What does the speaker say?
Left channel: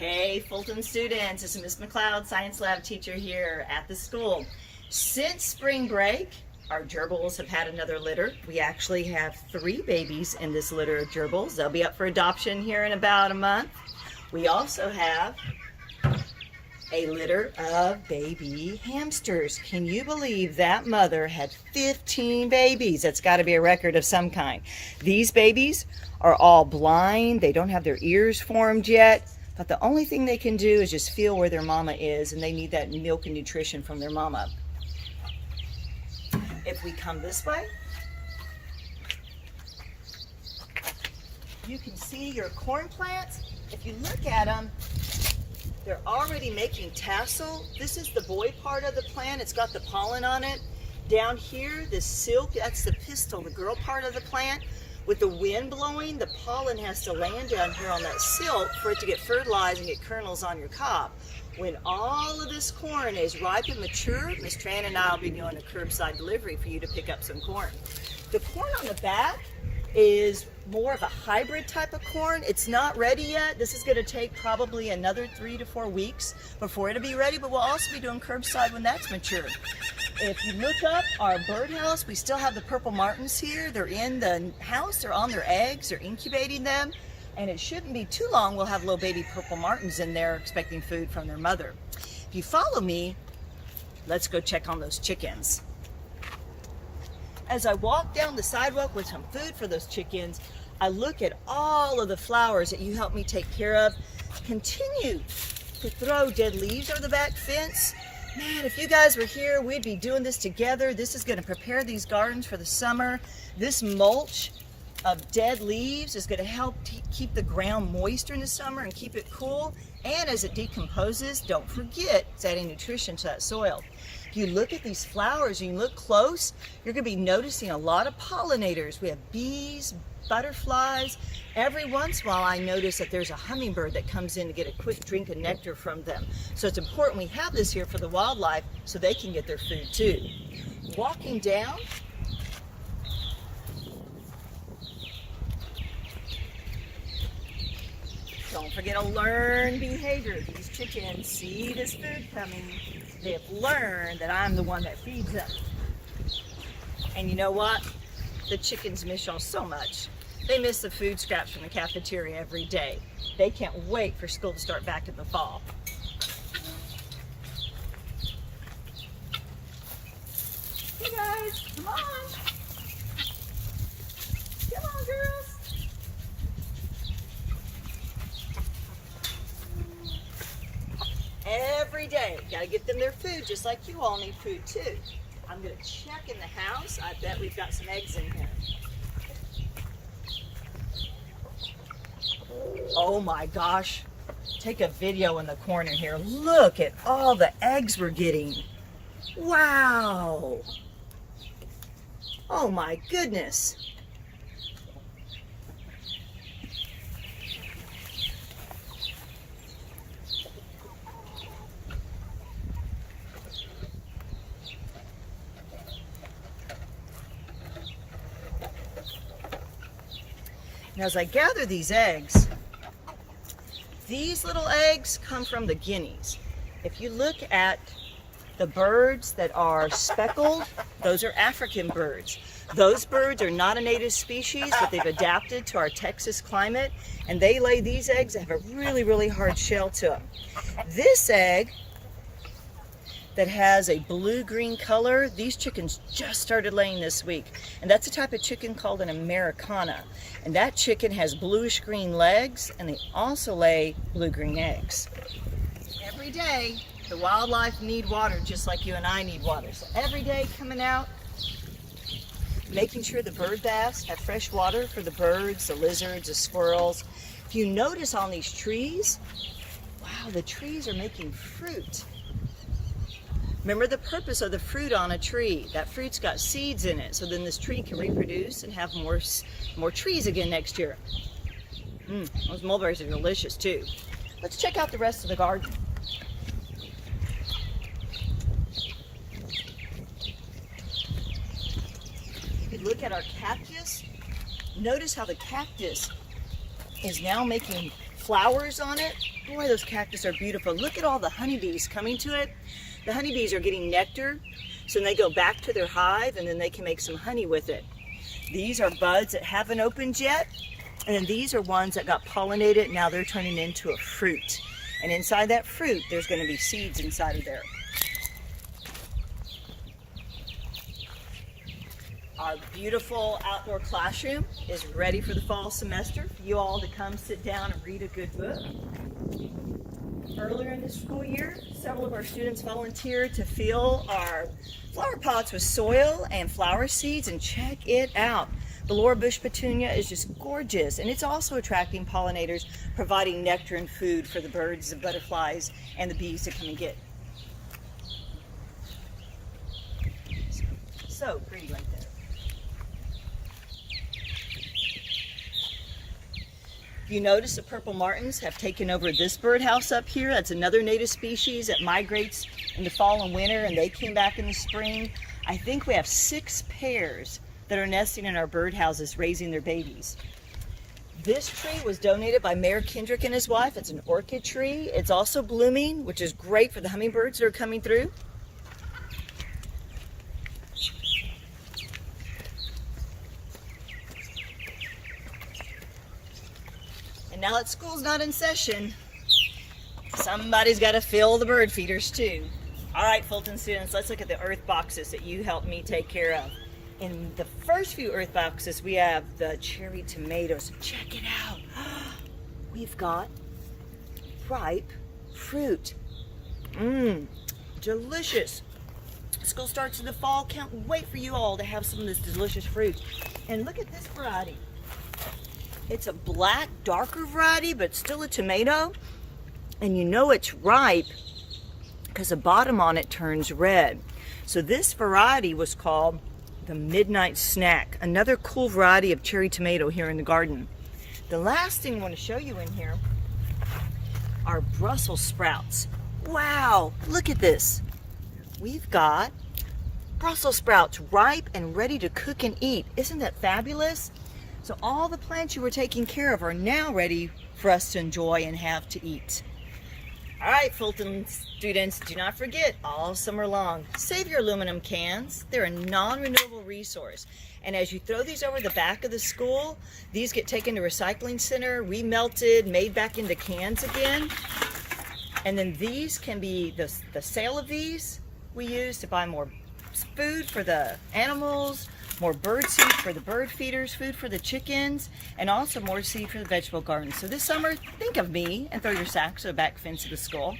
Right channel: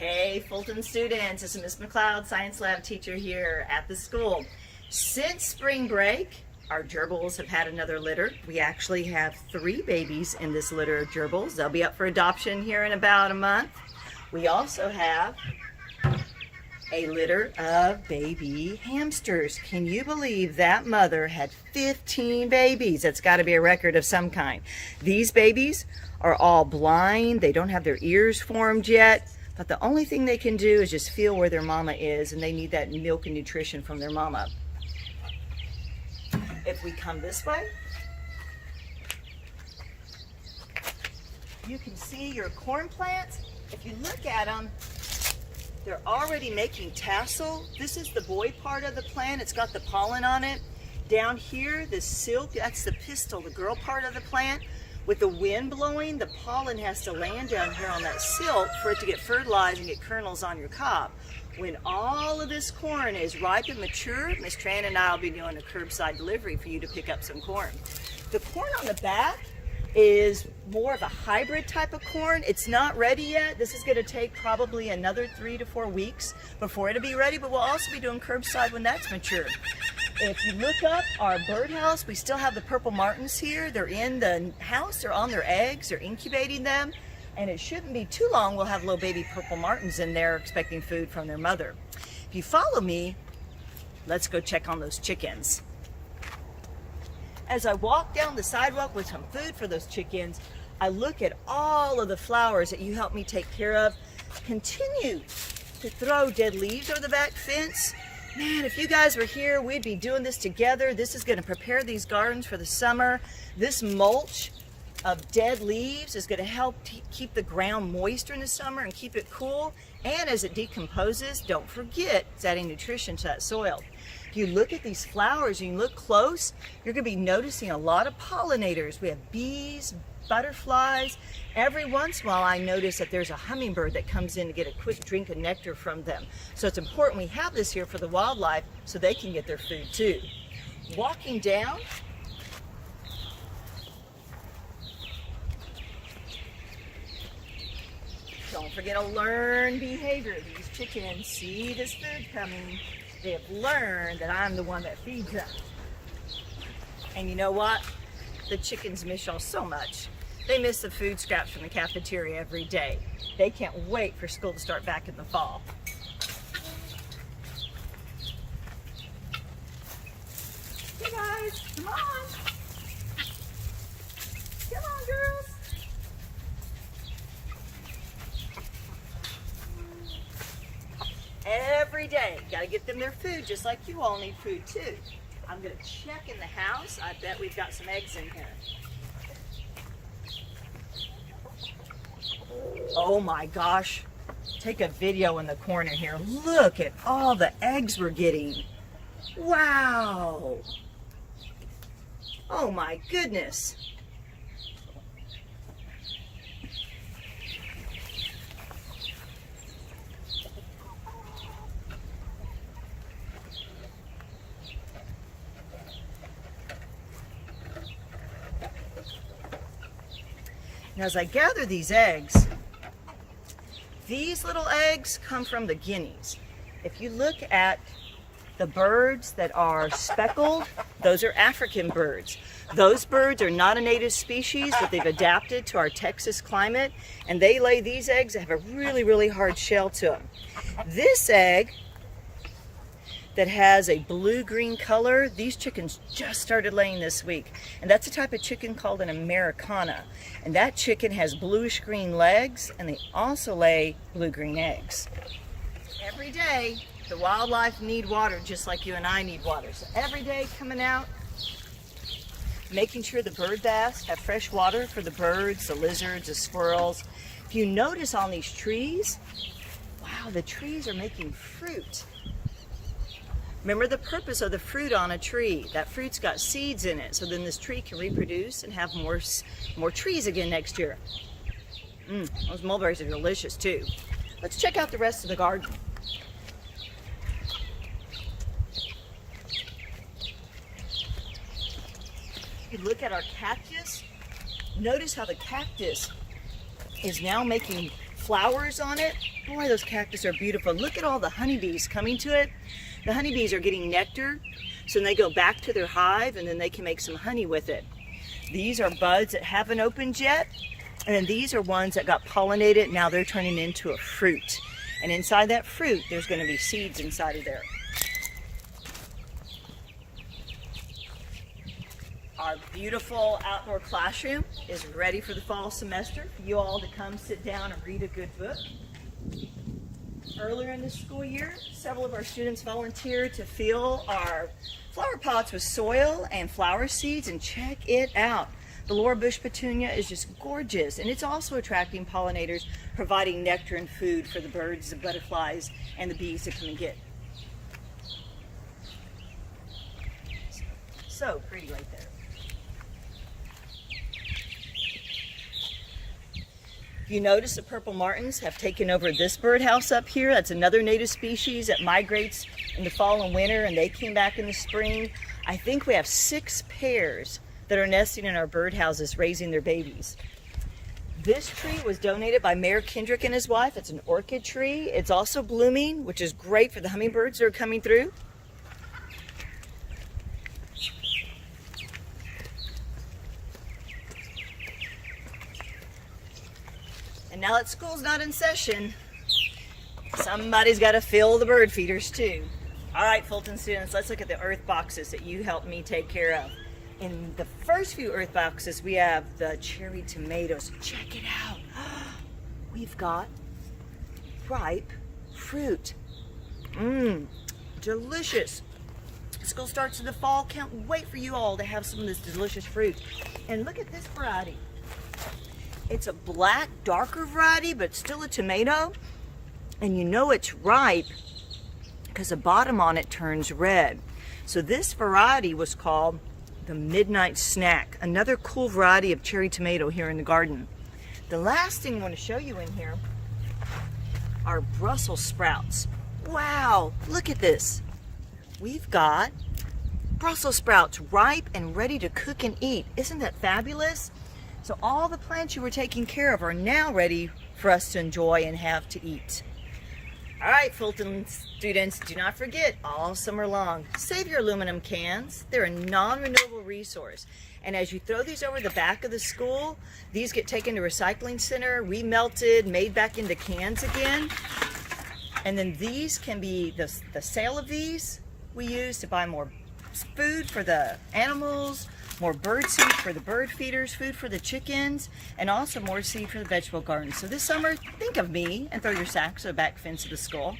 Hey Fulton students, this is Miss McLeod, science lab teacher here at the school. Since spring break, our gerbils have had another litter. We actually have 3 babies in this litter of gerbils. They'll be up for adoption here in about a month. We also have a litter of baby hamsters. Can you believe that mother had 15 babies? That's got to be a record of some kind. These babies are all blind. They don't have their ears formed yet. But the only thing they can do is just feel where their mama is, and they need that milk and nutrition from their mama. If we come this way, you can see your corn plants. If you look at them, they're already making tassel. This is the boy part of the plant. It's got the pollen on it. Down here, the silk, that's the pistil, the girl part of the plant. With the wind blowing, the pollen has to land down here on that silk for it to get fertilized and get kernels on your cob. When all of this corn is ripe and mature, Miss Tran and I will be doing a curbside delivery for you to pick up some corn. The corn on the back is more of a hybrid type of corn. It's not ready yet. This is going to take probably another 3 to 4 weeks before it'll be ready, but we'll also be doing curbside when that's mature. If you look up our birdhouse, we still have the purple martins here. They're in the house, they're on their eggs, they're incubating them, and it shouldn't be too long we'll have little baby purple martins in there expecting food from their mother. If you follow me, let's go check on those chickens. As I walk down the sidewalk with some food for those chickens, I look at all of the flowers that you helped me take care of. Continue to throw dead leaves over the back fence. Man, if you guys were here, we'd be doing this together. This is going to prepare these gardens for the summer. This mulch of dead leaves is going to help keep the ground moist during the summer and keep it cool. And as it decomposes, don't forget it's adding nutrition to that soil. If you look at these flowers and you look close, you're going to be noticing a lot of pollinators. We have bees, butterflies. Every once in a while I notice that there's a hummingbird that comes in to get a quick drink of nectar from them. So it's important we have this here for the wildlife so they can get their food too. Walking down, don't forget to learn behavior. These chickens see this food coming. They've learned that I'm the one that feeds them. And you know what? The chickens miss y'all so much. They miss the food scraps from the cafeteria every day. They can't wait for school to start back in the fall. Hey guys, come on. Come on, girls. Every day, gotta get them their food just like you all need food too. I'm gonna check in the house. I bet we've got some eggs in here. Oh my gosh, take a video in the corner here. Look at all the eggs we're getting. Wow. Oh my goodness. Now, as I gather these eggs, these little eggs come from the guineas. If you look at the birds that are speckled, those are African birds. Those birds are not a native species, but they've adapted to our Texas climate, and they lay these eggs that have a really, really hard shell to them. This egg that has a blue-green color, these chickens just started laying this week. And that's a type of chicken called an Americana. And that chicken has bluish-green legs, and they also lay blue-green eggs. Every day, the wildlife need water just like you and I need water. So every day coming out, making sure the bird baths have fresh water for the birds, the lizards, the squirrels. If you notice on these trees, wow, the trees are making fruit. Remember the purpose of the fruit on a tree. That fruit's got seeds in it, so then this tree can reproduce and have more trees again next year. Those mulberries are delicious too. Let's check out the rest of the garden. If you look at our cactus, notice how the cactus is now making flowers on it. Boy, those cactus are beautiful. Look at all the honeybees coming to it. The honeybees are getting nectar, so they go back to their hive and then they can make some honey with it. These are buds that haven't opened yet, and then these are ones that got pollinated. Now they're turning into a fruit. And inside that fruit, there's going to be seeds inside of there. Our beautiful outdoor classroom is ready for the fall semester for you all to come sit down and read a good book. Earlier in the school year, several of our students volunteered to fill our flower pots with soil and flower seeds, and check it out. The Laura Bush petunia is just gorgeous, and it's also attracting pollinators, providing nectar and food for the birds, the butterflies, and the bees to come and get. So pretty right there. You notice the purple martins have taken over this birdhouse up here. That's another native species that migrates in the fall and winter, and they came back in the spring. I think we have 6 pairs that are nesting in our birdhouses, raising their babies. This tree was donated by Mayor Kendrick and his wife. It's an orchid tree. It's also blooming, which is great for the hummingbirds that are coming through. And now that school's not in session, somebody's got to fill the bird feeders too. All right, Fulton students, let's look at the earth boxes that you helped me take care of. In the first few earth boxes, we have the cherry tomatoes. Check it out. We've got ripe fruit. Delicious. School starts in the fall. Can't wait for you all to have some of this delicious fruit. And look at this variety. It's a black, darker variety, but still a tomato. And you know it's ripe because the bottom on it turns red. So this variety was called the Midnight Snack, another cool variety of cherry tomato here in the garden. The last thing I want to show you in here are Brussels sprouts. Wow, look at this. We've got Brussels sprouts ripe and ready to cook and eat. Isn't that fabulous? So all the plants you were taking care of are now ready for us to enjoy and have to eat. All right, Fulton students, do not forget, all summer long, save your aluminum cans. They're a non-renewable resource. And as you throw these over the back of the school, these get taken to recycling center, remelted, made back into cans again. And then these can be, the sale of these we use to buy more food for the animals, more bird seed for the bird feeders, food for the chickens, and also more seed for the vegetable garden. So this summer, think of me and throw your sacks to the back fence of the school.